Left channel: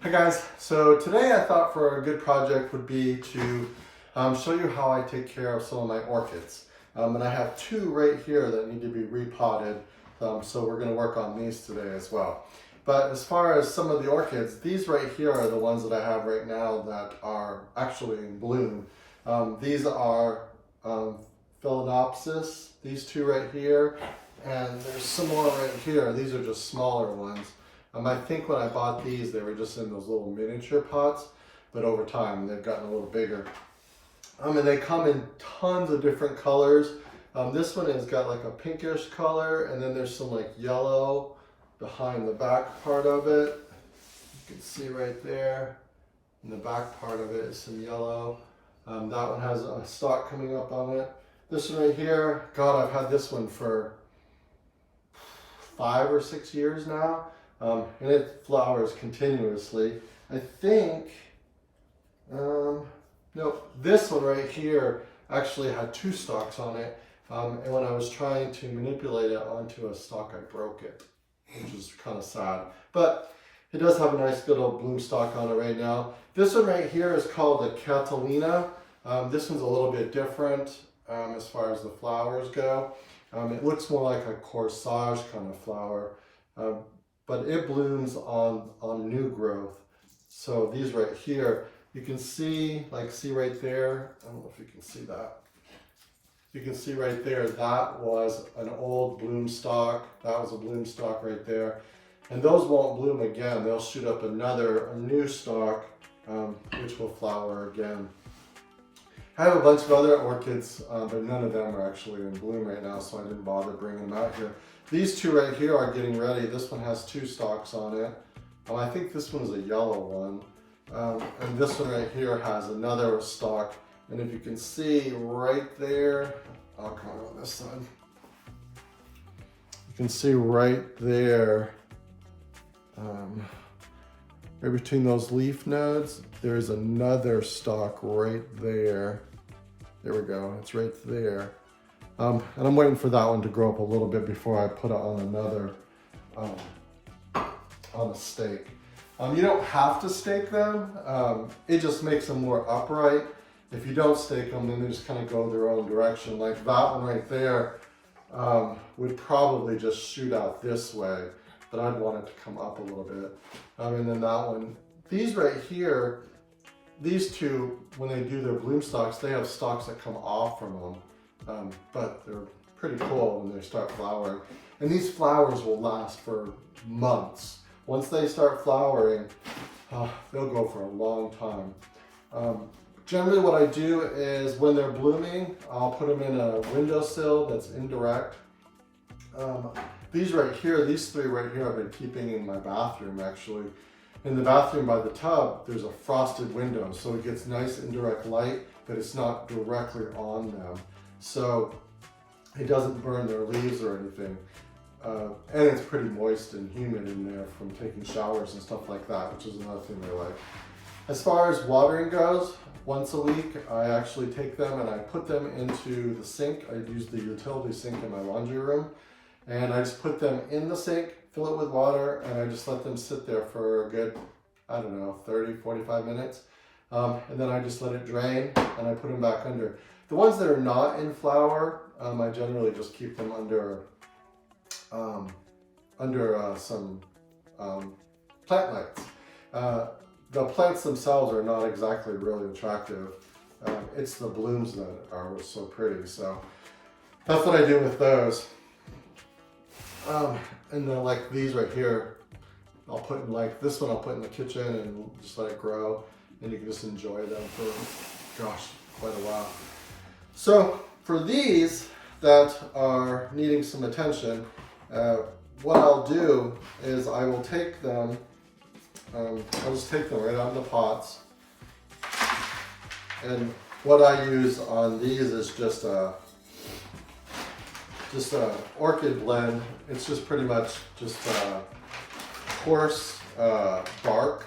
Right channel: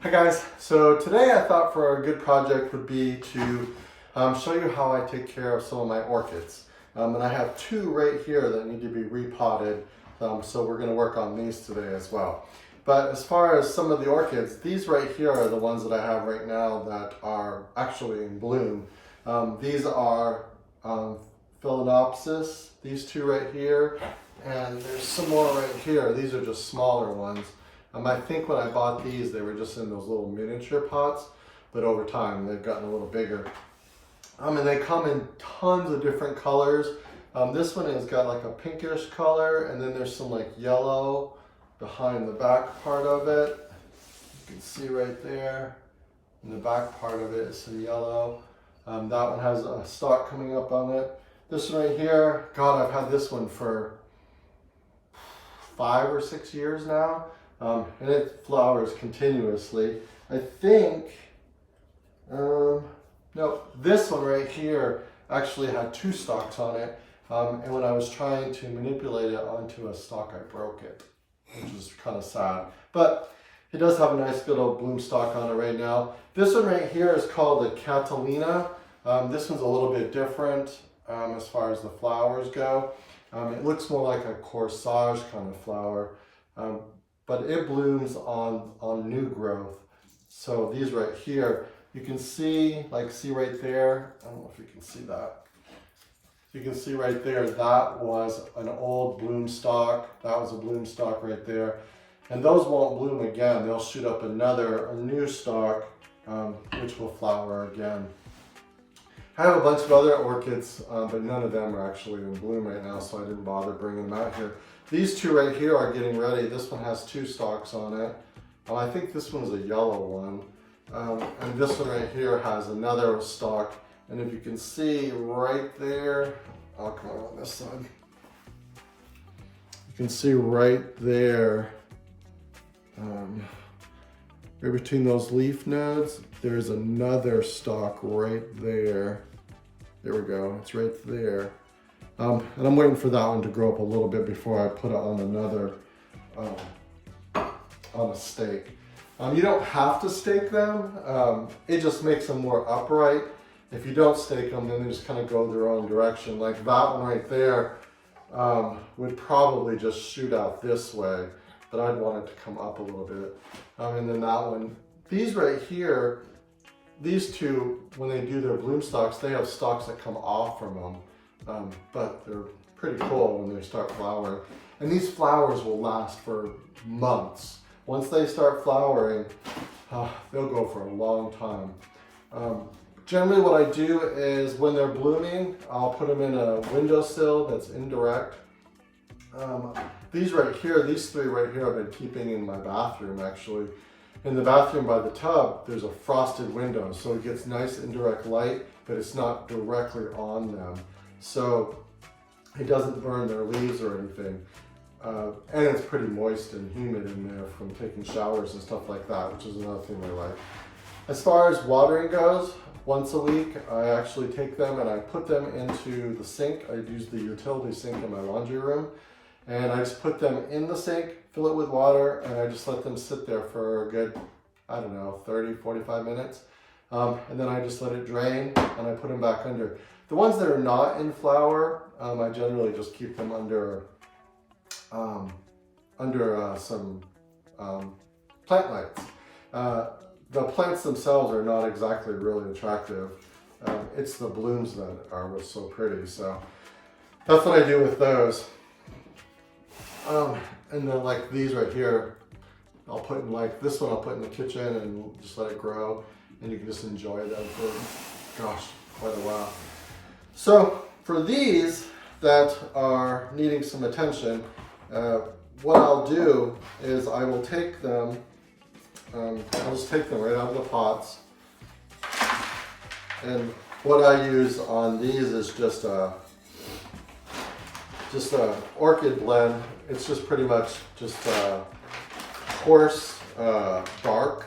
Hi guys, so today I thought for a good project would be to show you how I take care of some of my orchids. And I have two right here that need to be repotted, so we're going to work on these today as well. But as far as some of the orchids, these right here are the ones that I have right now that are actually in bloom. These are Phalaenopsis, these two right here, and there's some more right here. These are just smaller ones. I think when I bought these, they were just in those little miniature pots, but over time they've gotten a little bigger. And they come in tons of different colors. This one has got like a pinkish color, and then there's some like yellow behind the back part of it. You can see right there, in the back part of it is some yellow. That one has a stalk coming up on it. This one right here, God, I've had this one for 5 or 6 years now. And it flowers continuously. I think, no, this one right here actually had 2 stalks on it. And when I was trying to manipulate it onto a stalk, I broke it, which is kind of sad. But it does have a nice little bloom stalk on it right now. This one right here is called the Catalina. This one's a little bit different as far as the flowers go. It looks more like a corsage kind of flower. But it blooms on new growth. So these right here, you can see, see right there, I don't know if you can see that. You can see right there, that was an old bloom stalk. That was a bloom stalk right there. And those won't bloom again. They'll shoot up a new stalk, which will flower again. I have a bunch of other orchids, but none of them are actually in bloom right now, so I didn't bother bringing them out here. These two right here are getting ready. This one has 2 stalks on it. I think this one's a yellow one. And this one right here has another stalk. And if you can see right there, I'll come on this side. You can see right there, right between those leaf nodes, there's another stalk right there. There we go, it's right there. And I'm waiting for that one to grow up a little bit before I put it on another, on a stake. You don't have to stake them. It just makes them more upright. If you don't stake them, then they just kind of go their own direction. Like that one right there would probably just shoot out this way, but I'd want it to come up a little bit. And then that one, these right here, these two, when they do their bloom stalks, they have stalks that come off from them. But they're pretty cool when they start flowering. And these flowers will last for months. Once they start flowering, they'll go for a long time. Generally what I do is when they're blooming, I'll put them in a windowsill that's indirect. These right here, these 3 right here I've been keeping in my bathroom actually. In the bathroom by the tub, there's a frosted window, so it gets nice indirect light, but it's not directly on them. So it doesn't burn their leaves or anything. And it's pretty moist and humid in there from taking showers and stuff like that, which is another thing they like. As far as watering goes, once a week, I actually take them and I put them into the sink. I use the utility sink in my laundry room. And I just put them in the sink, fill it with water, and I just let them sit there for a good, 30, 45 minutes. And then I just let it drain and I put them back under. The ones that are not in flower, I generally just keep them under some plant lights. The plants themselves are not exactly really attractive. It's the blooms that are what's so pretty. So that's what I do with those. And then like these right here, I'll put in this one I'll put in the kitchen and just let it grow. And you can just enjoy them for, gosh, quite a while. So for these that are needing some attention, what I'll do is I will take them, I'll just take them right out of the pots. And what I use on these is just a orchid blend. It's just pretty much just coarse bark,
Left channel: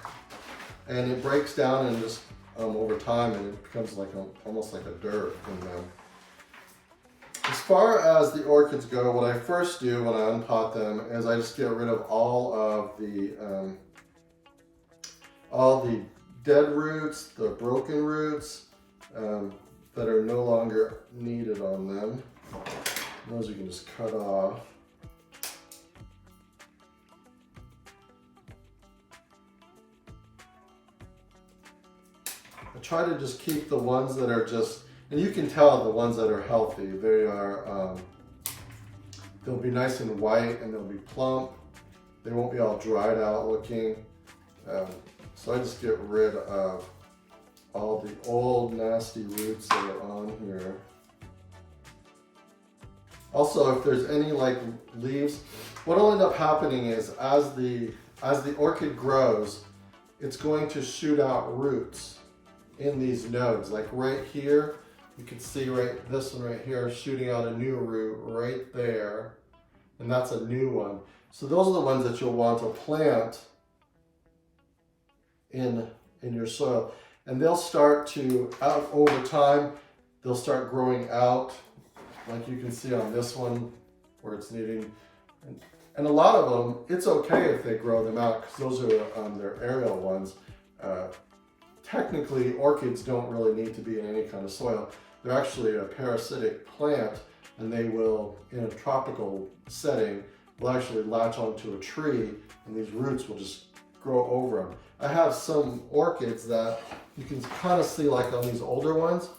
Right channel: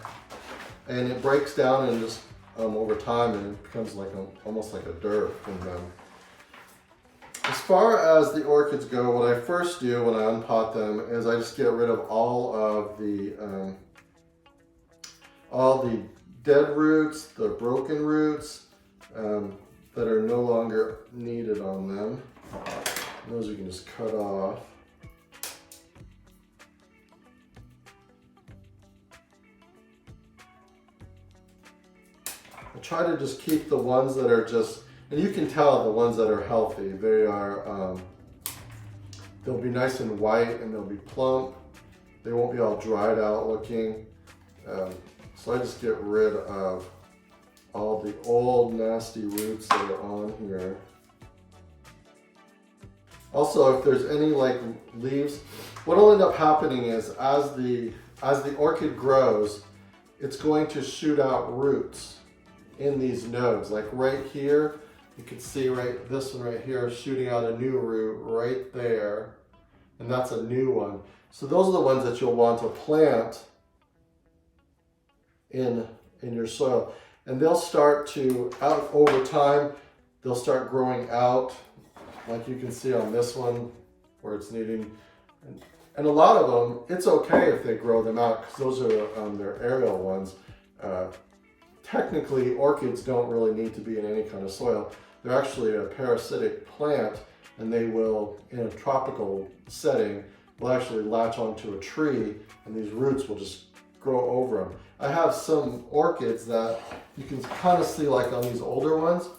and it breaks down and just over time, and it becomes like almost like a dirt in them. As far as the orchids go, what I first do when I unpot them is I just get rid of all of the all the dead roots, the broken roots that are no longer needed on them. Those we can just cut off. I try to just keep the ones that are just, and you can tell the ones that are healthy, they are, they'll be nice and white and they'll be plump. They won't be all dried out looking. So I just get rid of all the old nasty roots that are on here. Also, if there's any like leaves, what'll end up happening is as the orchid grows, it's going to shoot out roots in these nodes. Like right here, you can see this one right here shooting out a new root right there, and that's a new one. So those are the ones that you'll want to plant in your soil, and they'll start to, over time, they'll start growing out, like you can see on this one where it's needing, and a lot of them, it's okay if they grow them out because those are their aerial ones. Technically, orchids don't really need to be in any kind of soil. They're actually a parasitic plant, and they will, in a tropical setting, will actually latch onto a tree, and these roots will just grow over them. I have some orchids that you can kind of see, like on these older ones,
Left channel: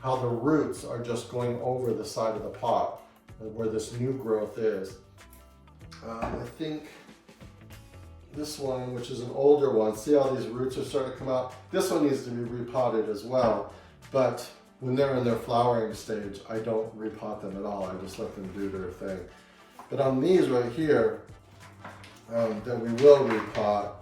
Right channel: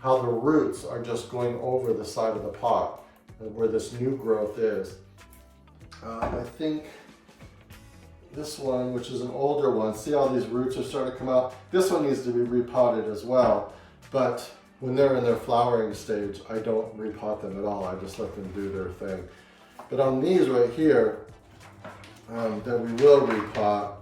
how the roots are just going over the side of the pot where this new growth is. I think this one, which is an older one, see how these roots are starting to come out? This one needs to be repotted as well, but when they're in their flowering stage, I don't repot them at all. I just let them do their thing. But on these right here, that we will repot,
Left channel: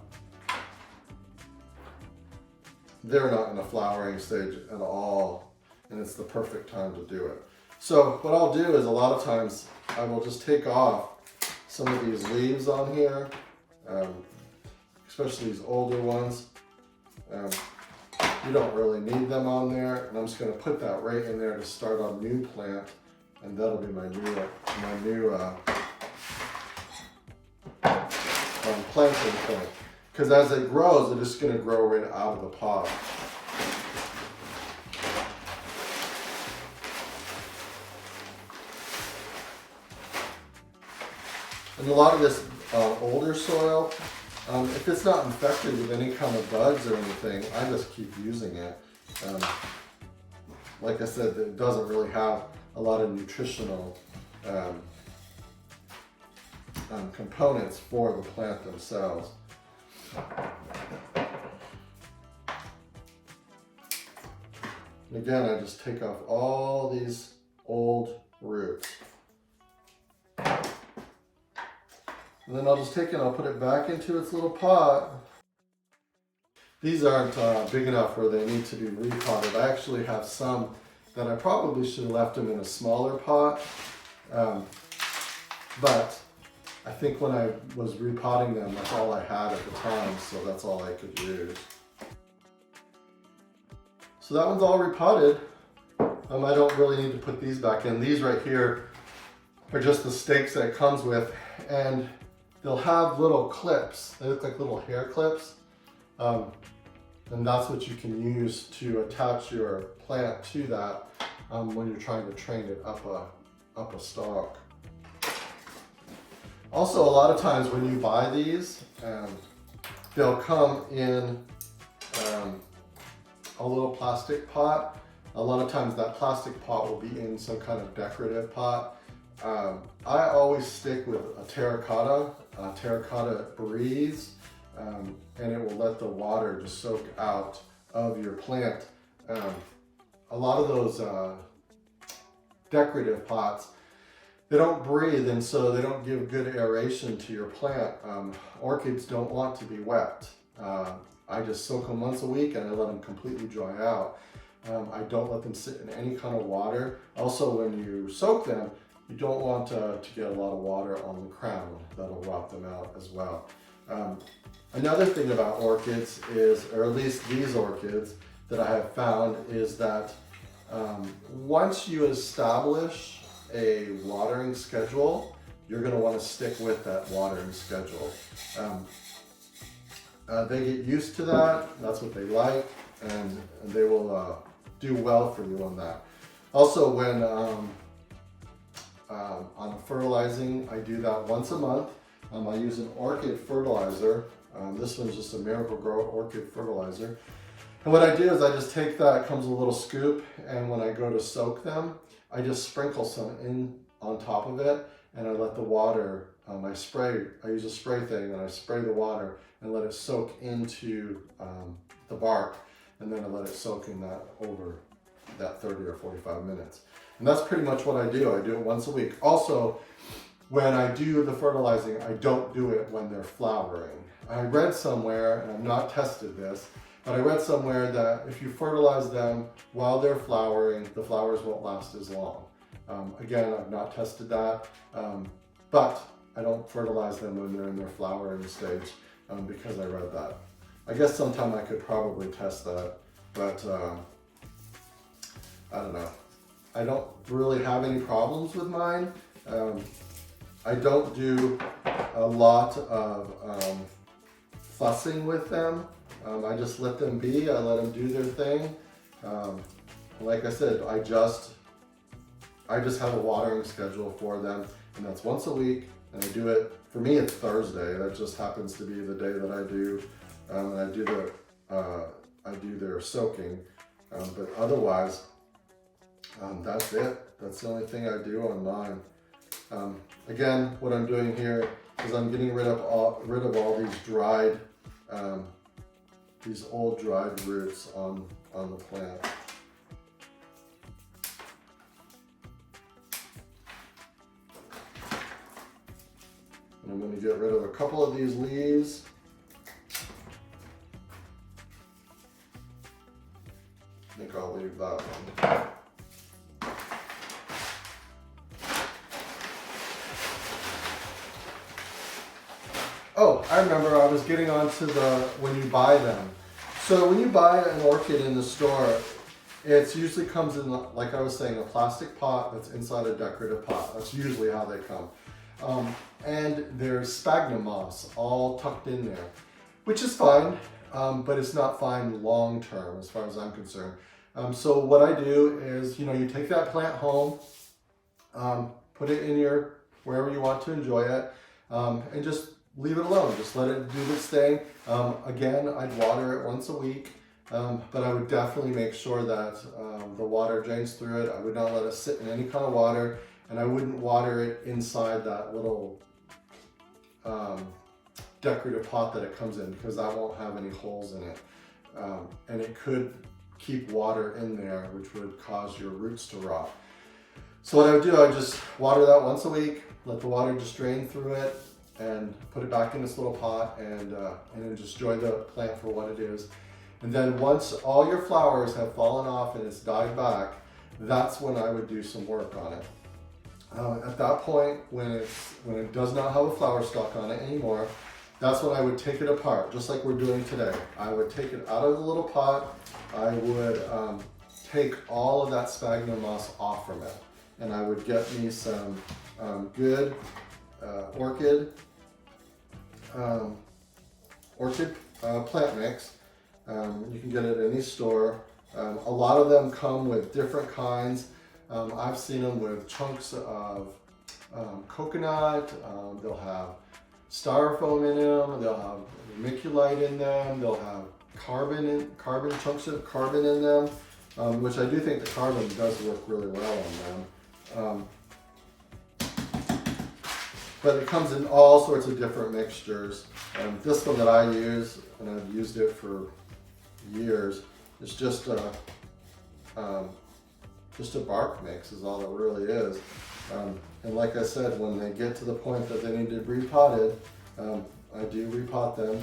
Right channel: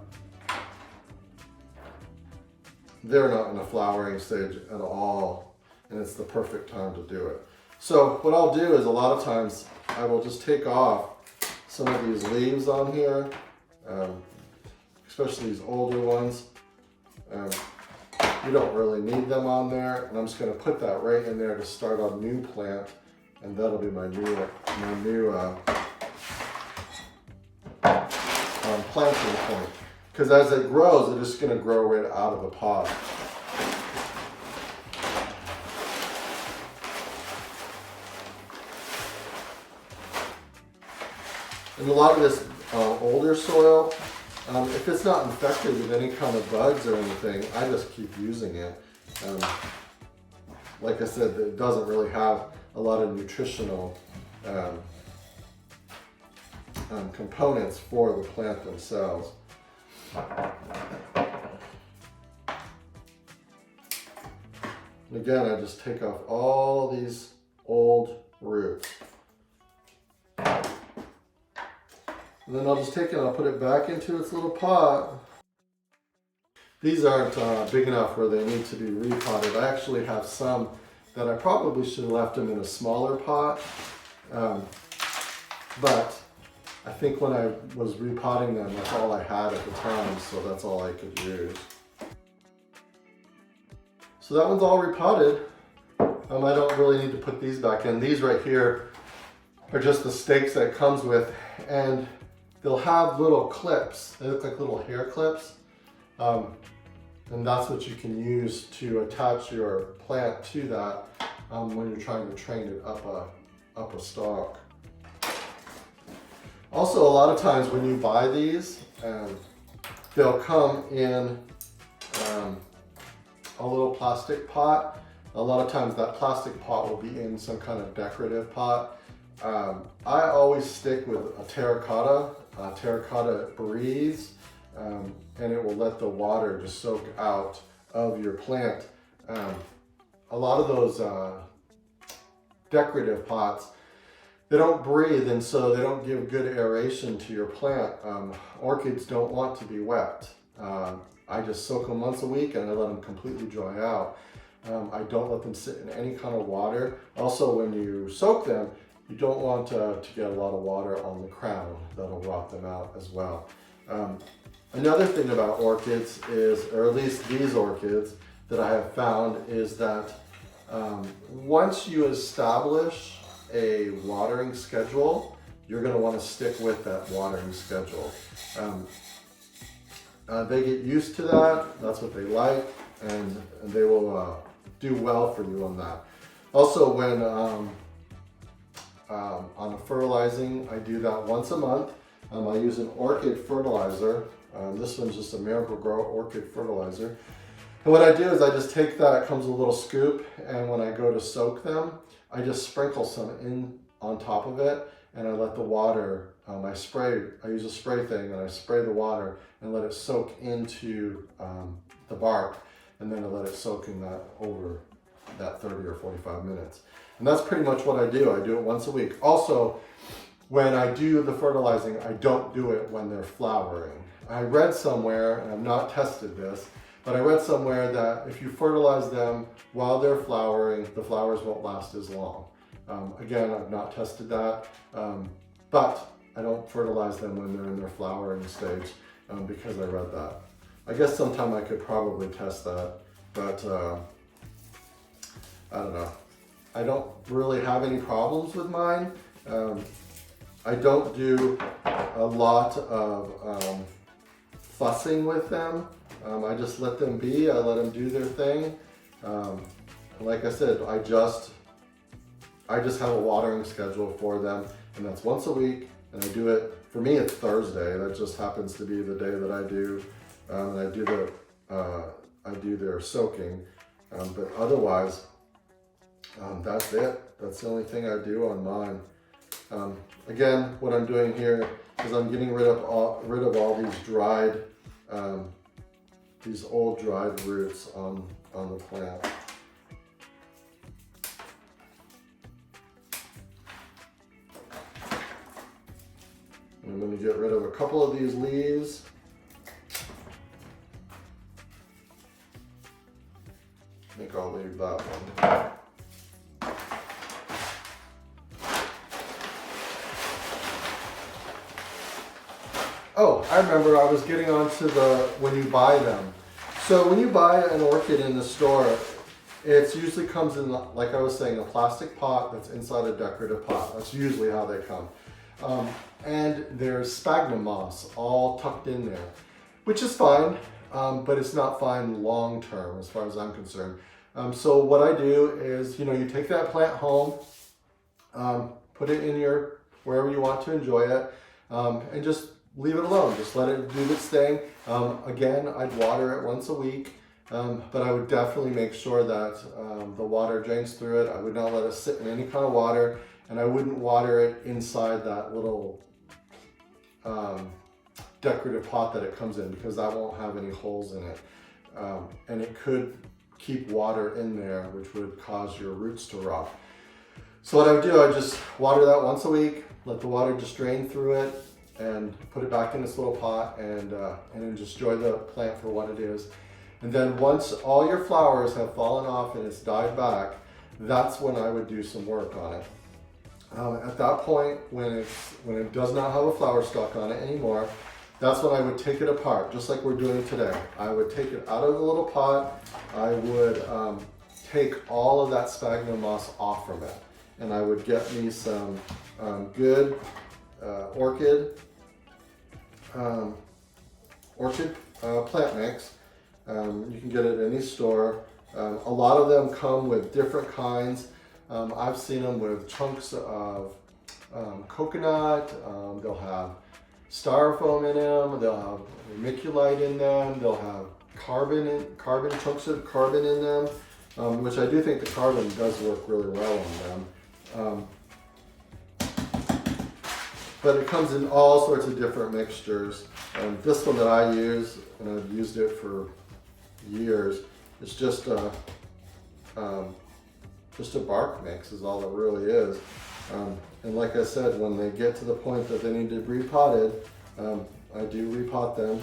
they're not in a flowering stage at all, and it's the perfect time to do it. So what I'll do is a lot of times I will just take off some of these leaves on here, especially these older ones. You don't really need them on there, and I'm just going to put that right in there to start a new plant, and that'll be my new planting point. Because as it grows, it's just going to grow right out of the pot. And a lot of this older soil, if it's not infected with any kind of bugs or anything, I just keep using it. Like I said, it doesn't really have a lot of nutritional components for the plant themselves. And again, I just take off all these old roots. And then I'll just take it and I'll put it back into its little pot. These aren't big enough where they need to be repotted. I actually have some that I probably should have left them in a smaller pot. But I think when I was repotting them, that's all I had at the time, so that's all I could use. So that one's all repotted. I don't really need to put these back in. These right here are just the stakes that it comes with, and they'll have little clips. They look like little hair clips. And that's what you can use to attach your plant to that when you're trying to train it up a stalk. Also, a lot of times when you buy these, they'll come in a little plastic pot. A lot of times that plastic pot will be in some kind of decorative pot. I always stick with a terracotta breeze, and it will let the water just soak out of your plant. A lot of those decorative pots, they don't breathe, and so they don't give good aeration to your plant. Orchids don't want to be wet. I just soak them once a week and I let them completely dry out. I don't let them sit in any kind of water. Also, when you soak them, you don't want to get a lot of water on the crown. That'll rot them out as well. Another thing about orchids is, or at least these orchids that I have found, is that once you establish a watering schedule, you're going to want to stick with that watering schedule. they get used to that. That's what they like, and they will do well for you on that. Also, when on the fertilizing, I do that once a month. I use an orchid fertilizer. This one's just a Miracle-Gro orchid fertilizer. And what I do is I just take that, it comes a little scoop, and when I go to soak them, I just sprinkle some in on top of it, and I let the water, I use a spray thing, and I spray the water and let it soak into the bark, and then I let it soak in that over that 30 or 45 minutes. And that's pretty much what I do. I do it once a week. Also, when I do the fertilizing, I don't do it when they're flowering. I read somewhere, and I've not tested this, but I read somewhere that if you fertilize them while they're flowering, the flowers won't last as long. Again, I've not tested that, but I don't fertilize them when they're in their flowering stage because I read that. I guess sometime I could probably test that, but I don't know. I don't really have any problems with mine. I don't do a lot of fussing with them. I just let them be. I let them do their thing. Like I said, I just have a watering schedule for them, and that's once a week. And I do it. For me, it's Thursday. That just happens to be the day that I do. And I do their soaking. But otherwise, that's it. That's the only thing I do on mine. Again, what I'm doing here is I'm getting rid of all these dried, these old dried roots on the plant. And I'm going to get rid of a couple of these leaves. I think I'll leave that one. Oh, I remember I was getting onto when you buy them. So when you buy an orchid in the store, it usually comes in, like I was saying, a plastic pot that's inside a decorative pot. That's usually how they come. And there's sphagnum moss all tucked in there, which is fine, but it's not fine long term as far as I'm concerned. So what I do is, you take that plant home, put it in wherever you want to enjoy it, and just leave it alone. Just let it do its thing. Again, I'd water it once a week, but I would definitely make sure that the water drains through it. I would not let it sit in any kind of water, and I wouldn't water it inside that little decorative pot that it comes in, because that won't have any holes in it. And it could keep water in there, which would cause your roots to rot. So what I would do, I just water that once a week, let the water just drain through it, and put it back in this little pot, and then just enjoy the plant for what it is. And then once all your flowers have fallen off and it's died back, that's when I would do some work on it. At that point, when it does not have a flower stalk on it anymore, that's when I would take it apart, just like we're doing today. I would take it out of the little pot. I would take all of that sphagnum moss off from it, and I would get me some good orchid plant mix. You can get it at any store. A lot of them come with different kinds. I've seen them with chunks of coconut. They'll have styrofoam in them. They'll have vermiculite in them. They'll have chunks of carbon in them, which I do think the carbon does work really well on them. But it comes in all sorts of different mixtures. This one that I use, and I've used it for years, it's just a bark mix is all it really is. And like I said, when they get to the point that they need to be repotted, I do repot them.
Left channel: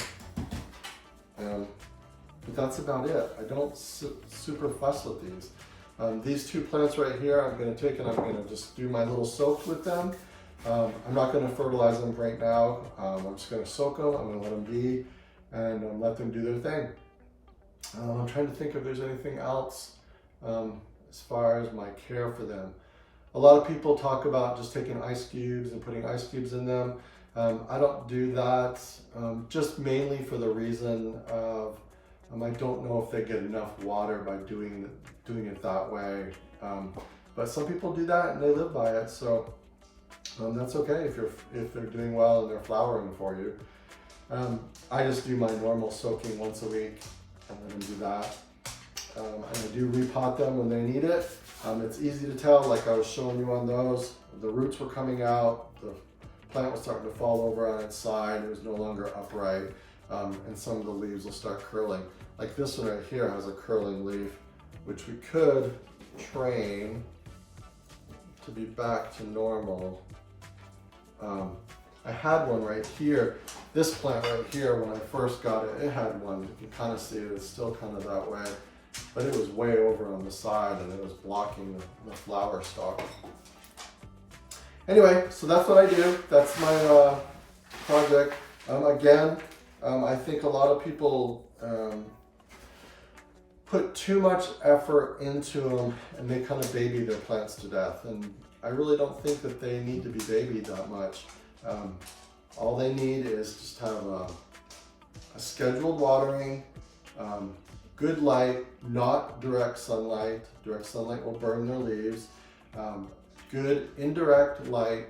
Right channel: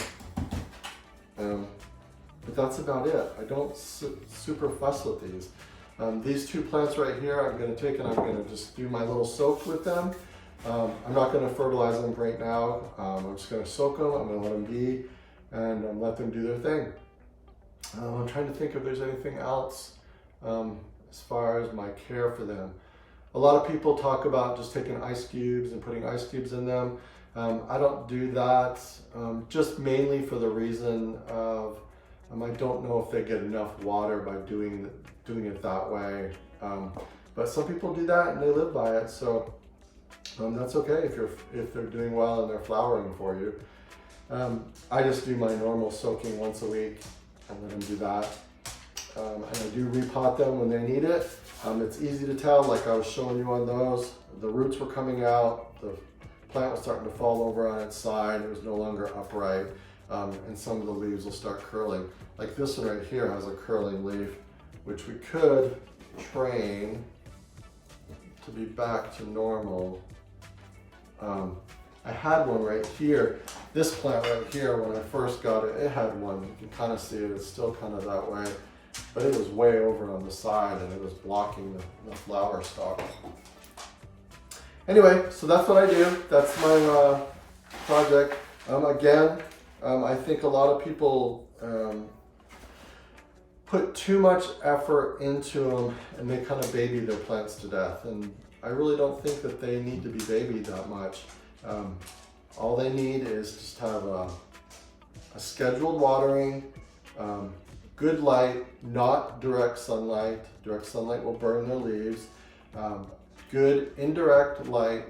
But that's about it. I don't super fuss with these. These two plants right here, I'm going to take and I'm going to just do my little soak with them. I'm not going to fertilize them right now. I'm just going to soak them. I'm going to let them be and let them do their thing. I'm trying to think if there's anything else as far as my care for them. A lot of people talk about just taking ice cubes and putting ice cubes in them. I don't do that just mainly for the reason of I don't know if they get enough water by doing it that way. But some people do that and they live by it, so that's okay if they're doing well and they're flowering for you. I just do my normal soaking once a week and let them do that. And I do repot them when they need it. It's easy to tell, like I was showing you on those. The roots were coming out, the plant was starting to fall over on its side, it was no longer upright, and some of the leaves will start curling. Like this one right here has a curling leaf, which we could train to be back to normal. I had one right here. This plant right here, when I first got it, it had one. You can kind of see it, it's still kind of that way. But it was way over on the side and it was blocking the flower stalk. Anyway, so that's what I do. That's my project. Again, I think a lot of people put too much effort into them and they kind of baby their plants to death. And I really don't think that they need to be babied that much. All they need is just have a scheduled watering, good light, not direct sunlight. Direct sunlight will burn their leaves. Good indirect light,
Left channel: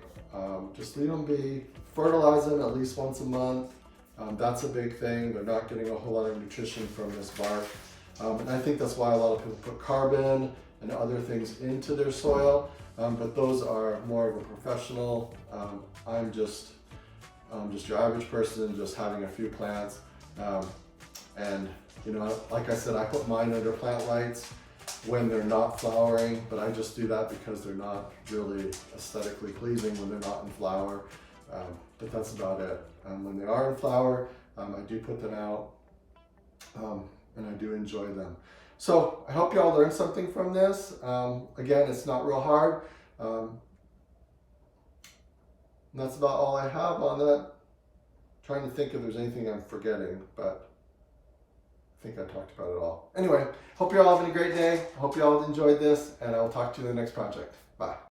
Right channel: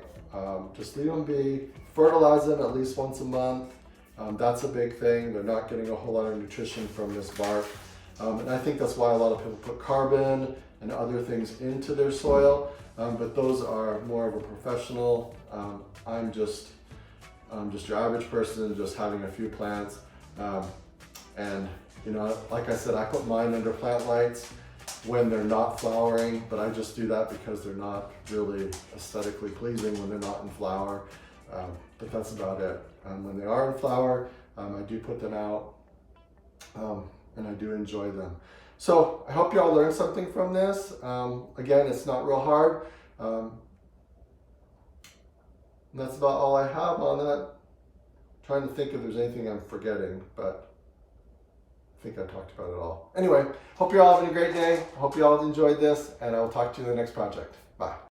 just leave them be. Fertilize them at least once a month. That's a big thing. They're not getting a whole lot of nutrition from this bark. And I think that's why a lot of people put carbon and other things into their soil. But those are more of a professional. I'm just your average person, just having a few plants. And you know, like I said, I put mine under plant lights when they're not flowering, but I just do that because they're not really aesthetically pleasing when they're not in flower. But that's about it. When they are in flower, I do put them out and I do enjoy them. So I hope you all learned something from this. Again, it's not real hard. And that's about all I have on that. Trying to think if there's anything I'm forgetting, but I think I talked about it all. Anyway, hope you're all having a great day. Hope you all enjoyed this, and I will talk to you in the next project. Bye.